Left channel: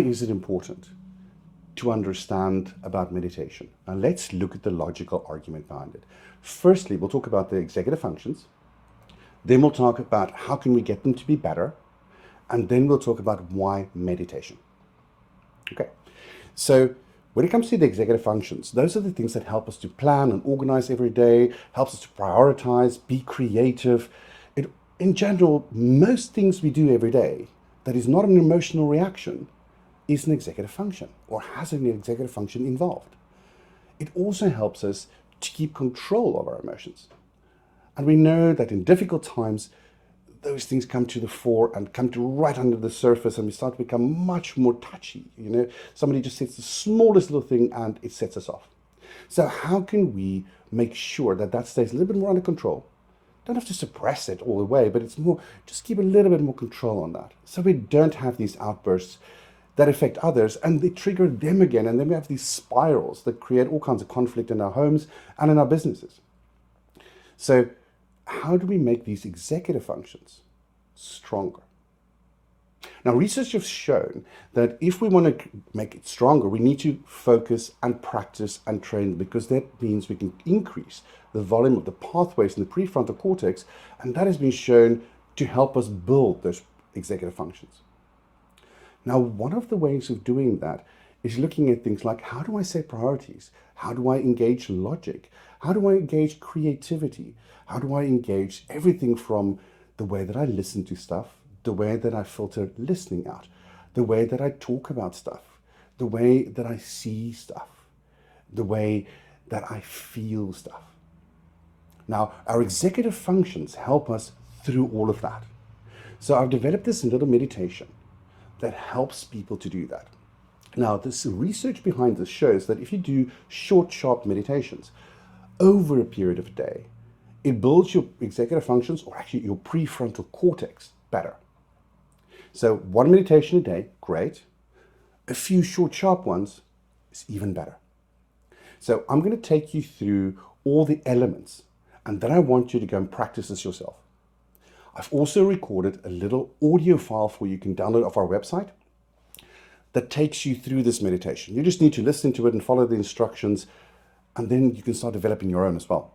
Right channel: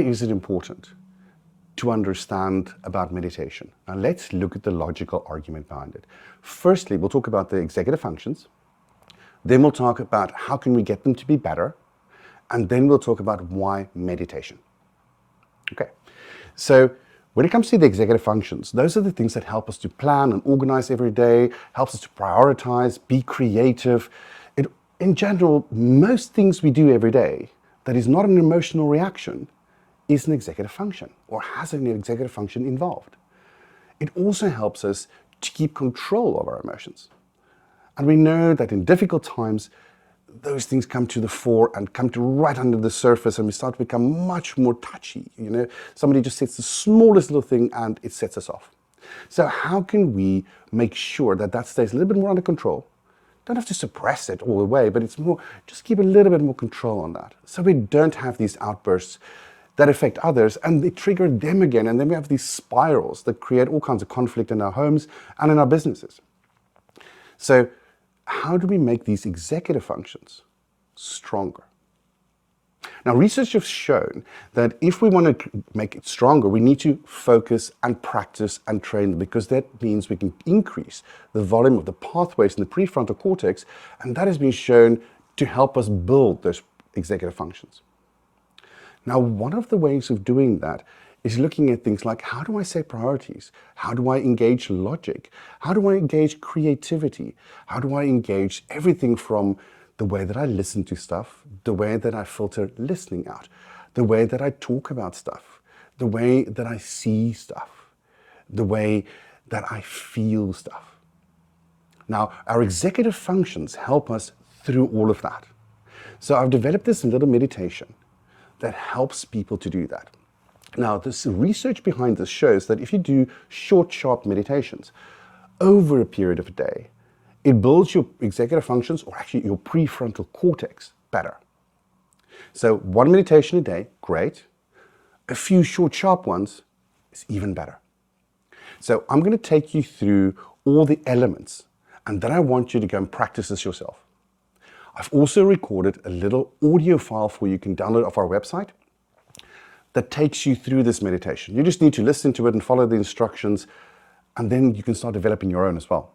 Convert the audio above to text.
is it important to understand about meditation? Now let's look at the logical argument behind it. Firstly, we'll talk about the executive functions. Then we'll talk about how can we get them to be better. And then we'll talk about why meditation. Okay, so when it comes to the executive functions, those are the things that help us to plan and organize every day, helps us to prioritize, be creative. In general, most things we do every day that is not an emotional reaction is an executive function or has an executive function involved. It also helps us to keep control of our emotions. And we know that in difficult times, those things come to the fore and come to right under the surface, and we start to become much more touchy. Somebody just says the smallest little thing and it sets us off. So how can we make sure that that stays a little bit more under control? Don't have to suppress it all the way, but it's more, just keep a little bit more control on that. So we don't have these outbursts that affect others and they trigger them again. And then we have these spirals that create all kinds of conflict in our homes and in our businesses. So how do we make these executive functions stronger? Now, research has shown that if we want to make it stronger, we need to focus and practice and train, because that means we can increase the volume of the pathways in the prefrontal cortex, and that has been shown to help us build those executive functions. Now, one of the ways of doing that is looking at things like, how do I set priorities? How do I engage logic? How do I engage creativity? How do I engage everything from the way that I listen to stuff, the way that I filter listening out, the way that I talk about stuff, the way that I see stuff, the way that I feel stuff. Now, our executive functions help us through all of that. So I've developed this little meditation that helps people to do that. Now, this research behind this shows that if you do short, sharp meditations over a period of a day, it builds your executive functions, or actually your prefrontal cortex, better. So one meditation a day, great. A few short, sharp ones is even better. So I'm going to take you through all the elements, and then I want you to go and practice this yourself. I've also recorded a little audio file for you can download off our website that takes you through this meditation. You just need to listen to it and follow the instructions, and then you can start developing your own as well.